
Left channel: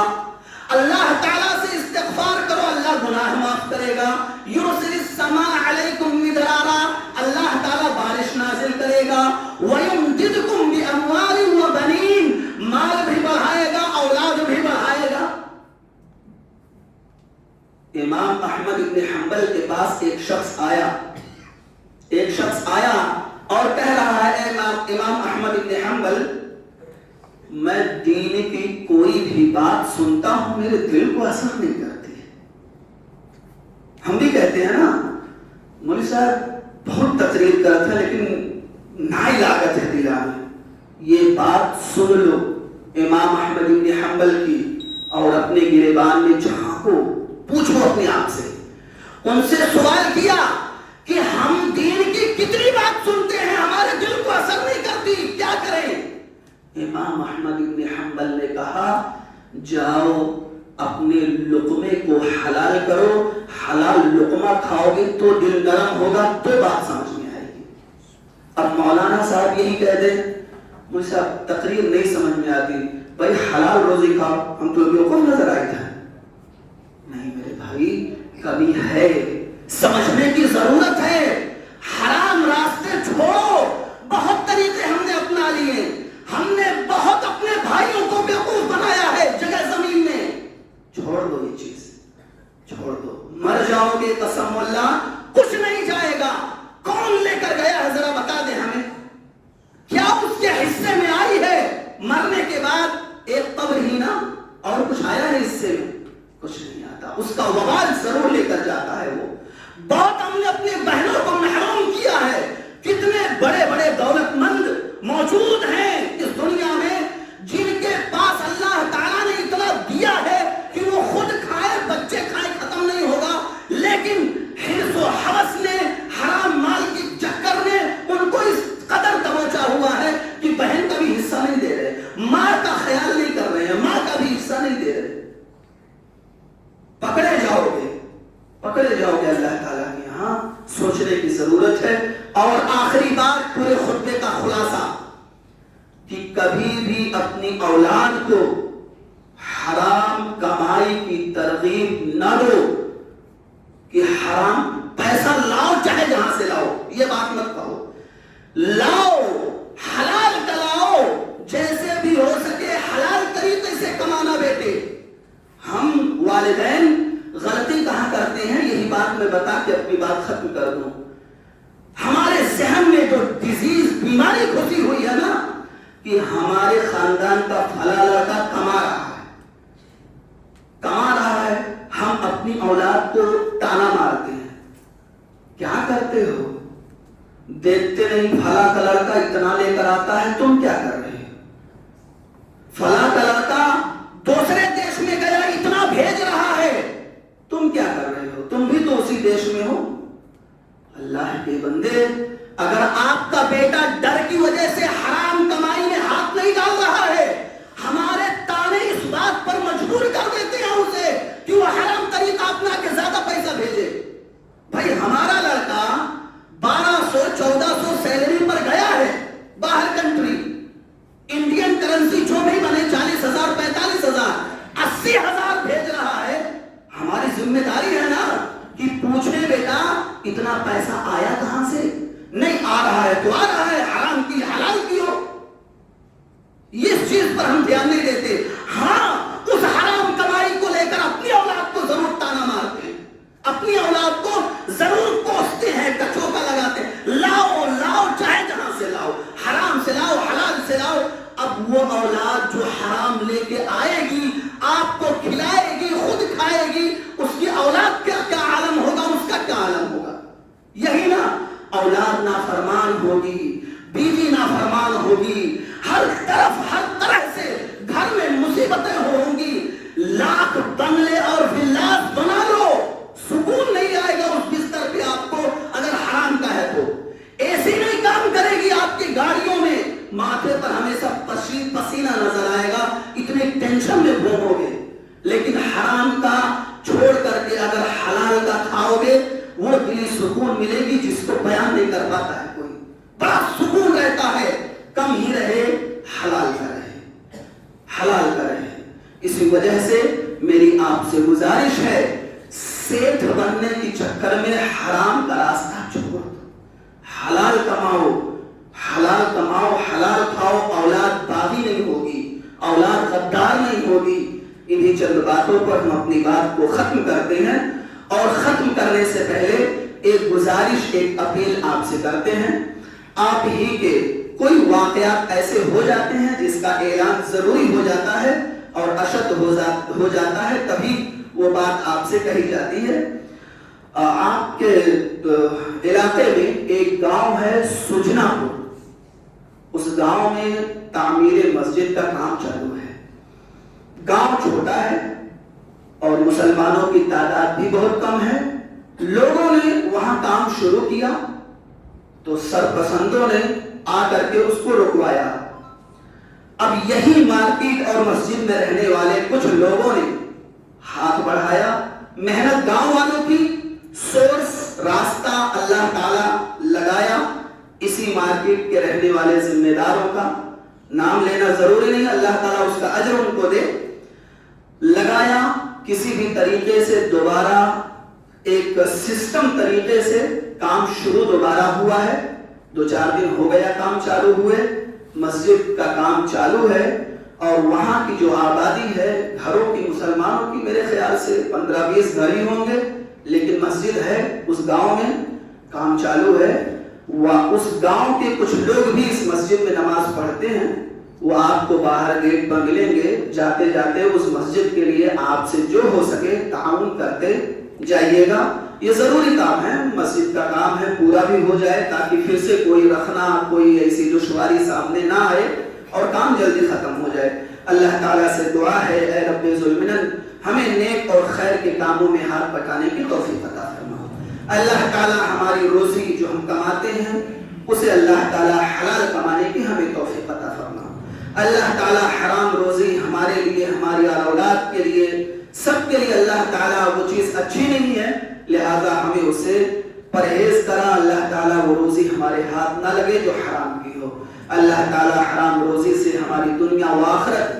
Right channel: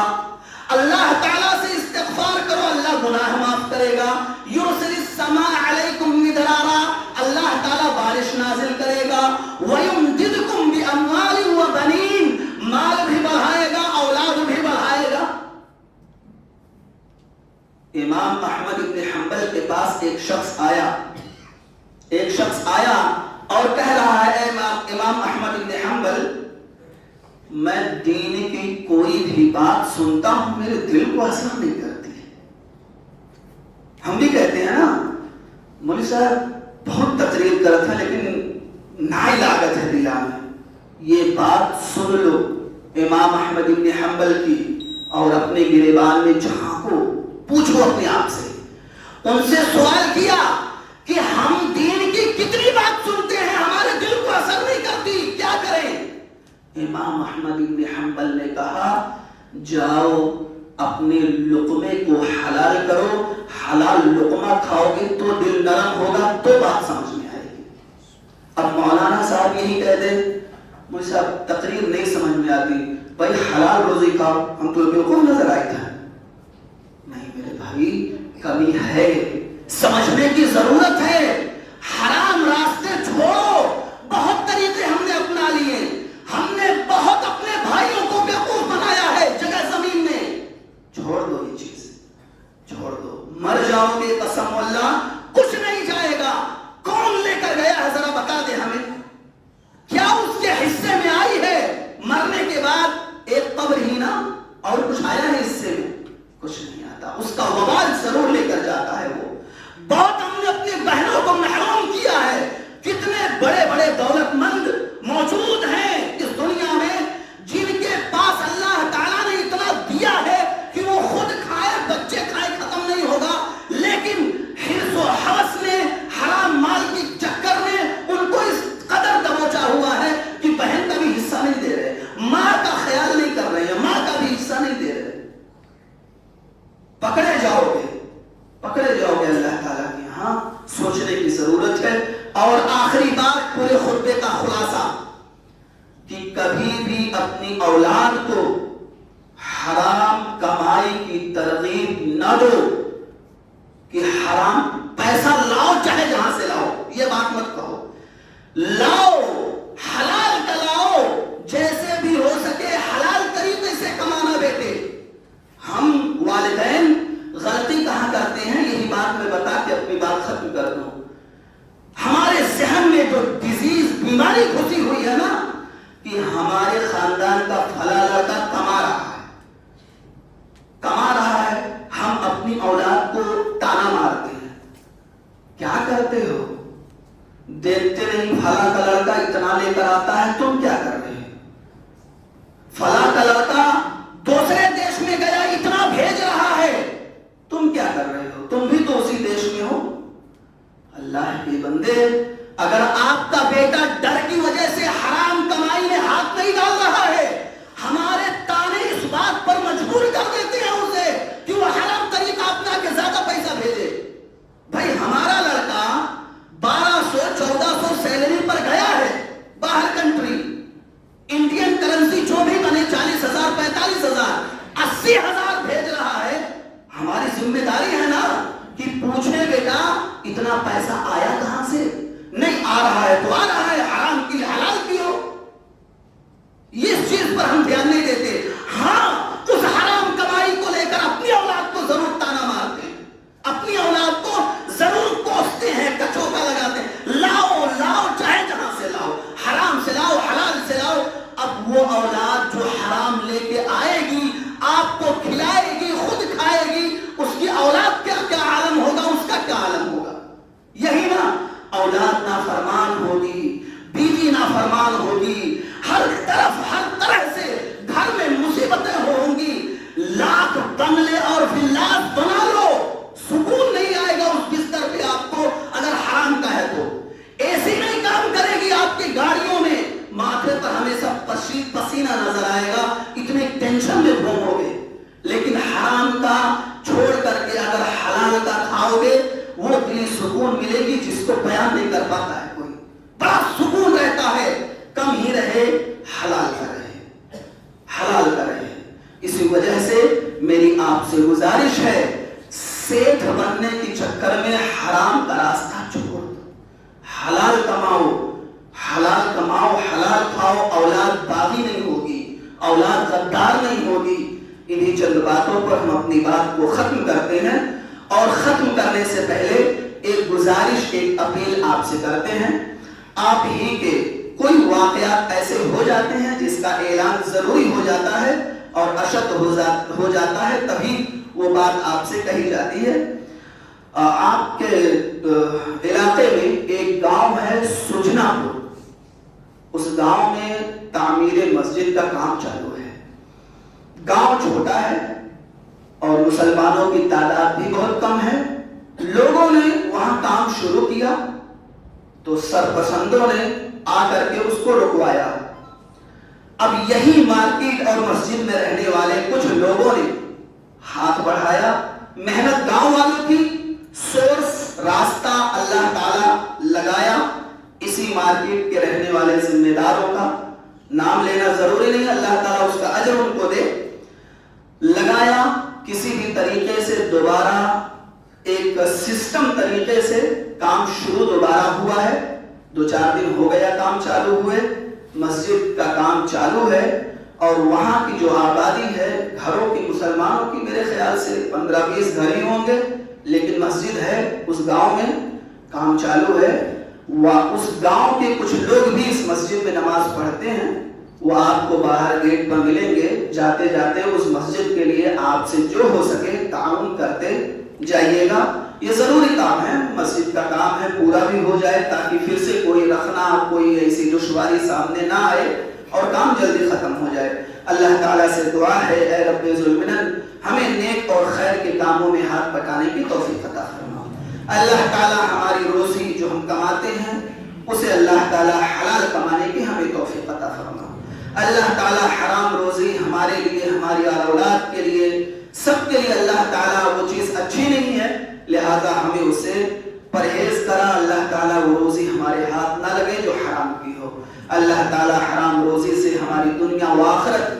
اللہ تعالیٰ سے استغفار کرو اللہ گناہ معاف کرے گا. يُرْسِلِ السَّمَاءَ عَلَيْكُمْ مِدْرَارًا، اللہ تعالیٰ بارش نازل کرے گا. وَيُمْدِدْكُمْ بِأَمْوَالٍ وَبَنِينَ، مال بھی بڑھائے گا اولاد بھی بڑھائے گا. امام احمد بن حنبل کے پاس ایک شخص آیا اور کہہ رہا ہے امام احمد بن حنبل میں دین کی کوئی بھی بات سنتا ہوں میرے دل کو اثر نہیں کرتی ہے. ہم بھی کہتے ہیں نا مولوی صاحب بہت تقریر کرتا ہے لیکن ناعلاقت ہے دلا میں. یہ بات سن لو امام احمد بن حنبل کی اور اپنے گریبان میں جہاں کو پوچھو اپنے آپ سے. ان سے سوال کیا کہ ہم دین کی کتنی بات سنتے ہیں ہمارے دل کو اثر نہیں کرتی, کیا کریں؟ امام احمد بن حنبل نے کہا جاؤ اپنے لقمے کو حلال کرو, حلال لقمہ کھاؤ گے تو دل نرم ہوگا تو بات سمجھ میں آئے گی. اب مولانا صاحب یہی کہہ دیں مجھے صاحب تقریر نہیں سمجھ میں آتی, بھائی حلال روزی کھاؤ, ہم تو بالکل نظر آئی تھا. نہیں میرے بھائی کمی ہے, سمجھنے کی ضرورت ہے. حرام راستے چھوڑو. بہت طریقے ہم نے اپنا لیے, ہم نے بہت اپنے بھائیوں کو بیوقوف بنایا ہے جگہ زمین میں. چھوڑ دو یہ چیز, چھوڑ دو. مر جاؤ گے قسم اللہ کچھ نہیں جائے گا. کون لے کر گیا ہے ذرا بتا دے ہمیں, کیا اس کے حصے میں آئی ہے؟ مرنے کے بعد ایک قبر ہی نا, اور کچھ آیا ہے حصے میں؟ کچھ نہیں آتا. اس کا وبال ضرور لے کر جاتا ہے وہ. بہت ہم نے اپنی بہنوں کو محروم کیا ہے. کتنے بڑے بڑے دولت مند موجود ہیں اس دنیا میں جن کے پاس اللہ تعالیٰ نے اتنا دیا ہے کہ وہ خود کھائے بچے کھائے ختم نہیں ہوگا, لیکن حرص و حوث نے حرام مال کے چکر میں ان کو اس قدر دبوچا ہوا ہے کہ بہن کا بھی حصہ نہیں دے رہے, ماں کا خیال نہیں کر رہے ہیں, ماں کا بھی حصہ نہیں دے رہے. پکڑے جاؤ گے اللہ تعالیٰ کے یہاں. سوچنے کی ضرورت ہے. اور آخری بات پورے خطبے کا خلاصہ کہ کبھی بھی اپنی اولاد کو حرام کمائی کی ترغیب نہ دو کہ حرام پیسہ لاؤ چاہے جہاں سے لاؤ, یہ بات مت کہو. لاؤ حلال کا لاؤ, جیسے بھی ہو سکے حلال طریقے سے کمانا بیٹے. ہم والدین غلطی کہاں کرتے ہیں, یہی بات میں بتا کے اپنی بات ختم کر دوں. ہمارے ذہن میں جو ڈیزیز بیماری گھسی ہوئی ہے نا کہ ہمارے خاندان کا فلاں لڑکا کما رہا ہے, ہم اپنی اولاد کو تانا مارتے ہیں. کیا کرتے ہو؟ دیکھتے نہیں فلاں کا لڑکا اتنا لے کر آتا ہے, تم کیا کر رہے ہیں؟ فلاں کا لڑکا دوسرے دیش میں گیا اتنا بھیج رہا ہے, تم کیا کر رہے ہو؟ تم بھی تو اسی دیش میں ہو. اللہ کے بندے, اگر آپ کا بیٹا ڈر کی وجہ سے حرام کمائی میں ہاتھ نہیں ڈال رہا ہے, ہمارے تانے اس بات پر مجبور کر دیتے ہیں اسے کہ وہ حرام طریقہ اپنا کے زیادہ پیسہ بھیجے. بھائی ہمارا لڑکا 1200-1400 سیلری پر گیا ہے باہر کنٹری, انڈین کرنسی جو بھی بنے 40,000 45,000 80,000 بھیج رہا ہے. ہماری ذمہ داری ہے نا کہ پوچھیں بیٹا اتنا پیسہ آیا کہاں سے؟ نہیں آ رہا ہے تو آ رہا ہے, حرام کی حلال کی ہو. اس چیز پر ہم دھیان نہیں دیتے. ہاں اس حرام کمائی کو لے کر اپنی اولاد کو ضرور تانا مارتے ہیں, اپنی اولاد کو ضرور کوستے ہیں, کچوکا لگاتے ہیں. لاؤ لاؤ چاہے جہاں سے لاؤ, حرام سے لاؤ حلال سے لاؤ. اب وہ اولاد جو حرام لے کے آئے گی, آپ کو کھلائے گی, خود کھائے گی, اس کی اولاد کا کیا عالم ہوگا, اس کا کیا عالم ہوگا. یہی نا, اولاد نافرمان ہوگی, بیوی نافرمان ہوگی, ہر طرح سے گھر میں مصیبتیں ہوں گی. لاکھ بنگلے اور ولاس بنا لو, سکون نہیں آئے گا اس بستر پہ آپ کو اگر حرام کا ہے تو. ایسی نہیں کام کرے گی آپ کی گاڑیوں میں, ماتھے پر ہمیشہ پسینہ نظر آئے گا, اتنے ٹینشن میں گھومو گے. لیکن حرام کا چھوڑ کر کے اگر حلال کا کھاؤ گے وہ دلی سکون ملے گی جس کو بیان نہیں کر پاتا ہے کوئی. بڑا سکون رہتا ہے, کم ہی رہے حلال کا رہے, حلال کا رہے. اسی وجہ سے میری آپ سے گزارش ہے, سیٹھ بننے کی چکر میں حرام کا راستہ چھوڑ دو, حلال کماؤ, حلال کماؤ, حلال کھاؤ. اولاد باغی نہیں ہوگی, اولاد غدار نہیں ہوگی. انہی چند باتوں پر ہم اپنی بات کو ختم کرتے ہیں، اور ختم کرنے سے پہلے ایک گزارش، ایک اپیل آپ سے کرتے ہیں۔ آپ ہی کے کوئی واقعات ایسے ہو جاتے ہیں جس کا اعلان ضروری ہو جاتا ہے اور اشد ہو جاتا ہے، تبھی وہ بات آپ سے کہی جاتی ہے۔ آپ کے علاقے میں ایک گاؤں ہے سجنا پور، اس گاؤں میں تعمیر مسجد کا کام چالو ہے۔ گاؤں چھوٹا ہے اور مسلمانوں کی تعداد بھی بہت کم ہے۔ لوگوں نے وہاں کام شروع کیا تو سرپسندوں نے آ کر کے اس کو رکوایا۔ اب یہی مارکیٹ اور مسجد میں رہنے والے کچھ لوگوں نے ہاتھ بڑھایا، محنت گاؤں والوں کی، سورس راستہ اللہ تعالی لگایا۔ اسی مارکیٹ کے رہنے والے ذمہ داروں کا نام لینا ضروری نہیں، اللہ تعالیٰ اس کا اجر ان کو دے، لگایا۔ کسی بھی طریقے سے دوبارہ ایک سسٹم طریقے سے کام شروع دوبارہ ہوا ہے۔ 2-4 دن ہو گیا کام چالو ہوئے، مسجد کا کام چالو ہے، اور وہاں کی جو آبادی ہے گھروں کی، مسلمانوں کی میرے خیال سے 15-20 گھر ہی ہوں گے، لیکن مسجد ہے اس گاؤں میں، کام چالو ہے۔ اس گاؤں کے کچھ لوگ بھی اس مسجد میں نماز پڑھتے ہیں، وہ آپ کو باہر گیٹ پر ملیں گے۔ جاتے جاتے اس مسجد کے لیے آپ سے جو ہو سکے تعاون کرتے جائیے گا۔ یہ ضروری کام ہے، مسجد کا کام ہے، پورا بھی ہو جائے تاکہ پھر سے کوئی رکھنا، کوئی ایسی دشواری سامنے نہ آئے اور کام جلدی ختم ہو جائے۔ اللہ تعالیٰ سے دعا ہے، اے رب ذوالمنن ہمیں نیک اور خیر کے کاموں میں ہاتھ بٹانے کی توفیق عطا فرما۔ اللہ تعالیٰ ہماری روزی جو ہم کماتے ہیں اسے اللہ تعالیٰ حلال کمانے کی ہمیں توفیق عطا فرما۔ اللہ تعالیٰ حرام روزی ہمارے لیے، ہماری اولاد کے لیے، سب کے لیے اللہ تعالیٰ وہ چیز اچھی نہیں ہے، لہذا ہمیں اسے پرہیز کرا۔ اللہ تعالیٰ وہ روزی ہمارے ہاتھ نہ لگے جو حرام کی ہو۔ اللہ تعالیٰ حرام روزی سے ہماری دنیا و آخرت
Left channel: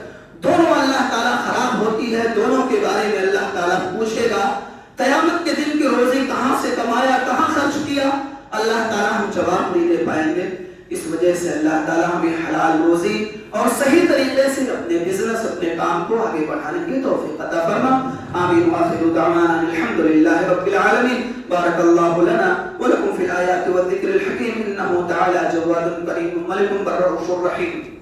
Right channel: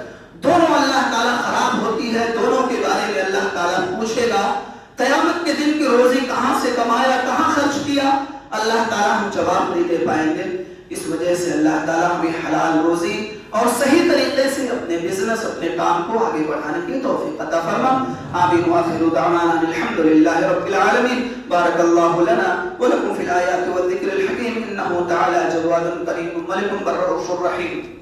دونوں اللہ تعالیٰ خراب ہوتی ہے، دونوں کے بارے میں اللہ تعالیٰ پوچھے گا۔ قیامت کے دن کی روزی کہاں سے کمایا، کہاں خرچ کیا، اللہ تعالیٰ ہم جواب نہیں دے پائیں گے۔ اس وجہ سے اللہ تعالیٰ ہمیں حلال روزی اور صحیح طریقے سے اپنے بزنس، اپنے کام کو آگے بڑھانے کی توفیق عطا فرما۔ آمین وآخر دعوانا الحمدللہ رب العالمین۔ بارک اللہ لنا ولکم فی الآیات والذکر الحکیم، انہ تعالی جواد کریم ملک بالرؤوف الرحیم۔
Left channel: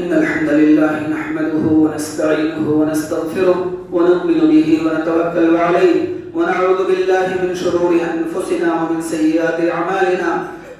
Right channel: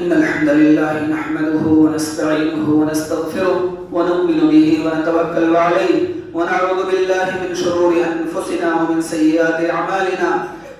إن الحمد لله نحمده ونستعينه ونستغفره ونؤمن به ونتوكل عليه ونعوذ بالله من شرور أنفسنا ومن سيئات أعمالنا،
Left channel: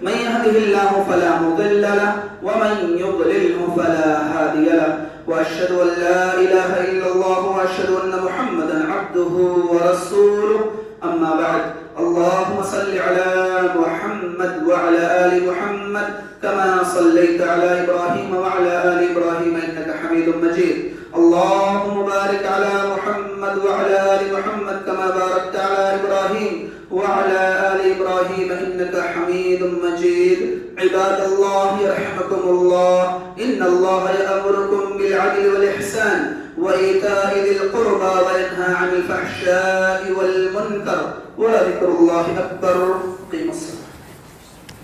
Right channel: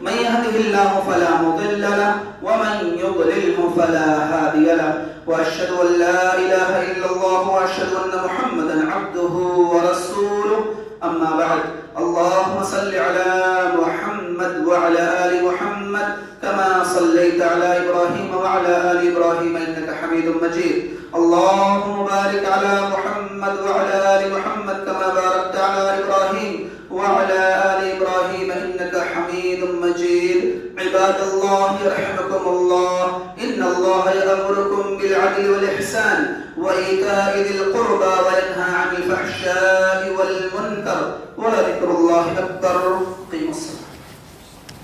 من يهده الله فلا مضل له ومن يضلله فلا هادي له، وأشهد أن لا إله إلا الله وأشهد أن محمدا عبده ورسوله، أما بعد، اللهم صل على محمد وعلى آل محمد كما صليت على إبراهيم وعلى آل إبراهيم إنك حميد مجيد، اللهم بارك على محمد وعلى آل محمد كما باركت على إبراهيم وعلى آل إبراهيم إنك حميد مجيد۔ عباد الله يرحمكم الله، إن الله يأمركم بالعدل والإحسان وإيتاء ذي القربى وينهى عن الفحشاء والمنكر ولذكر الله أكبر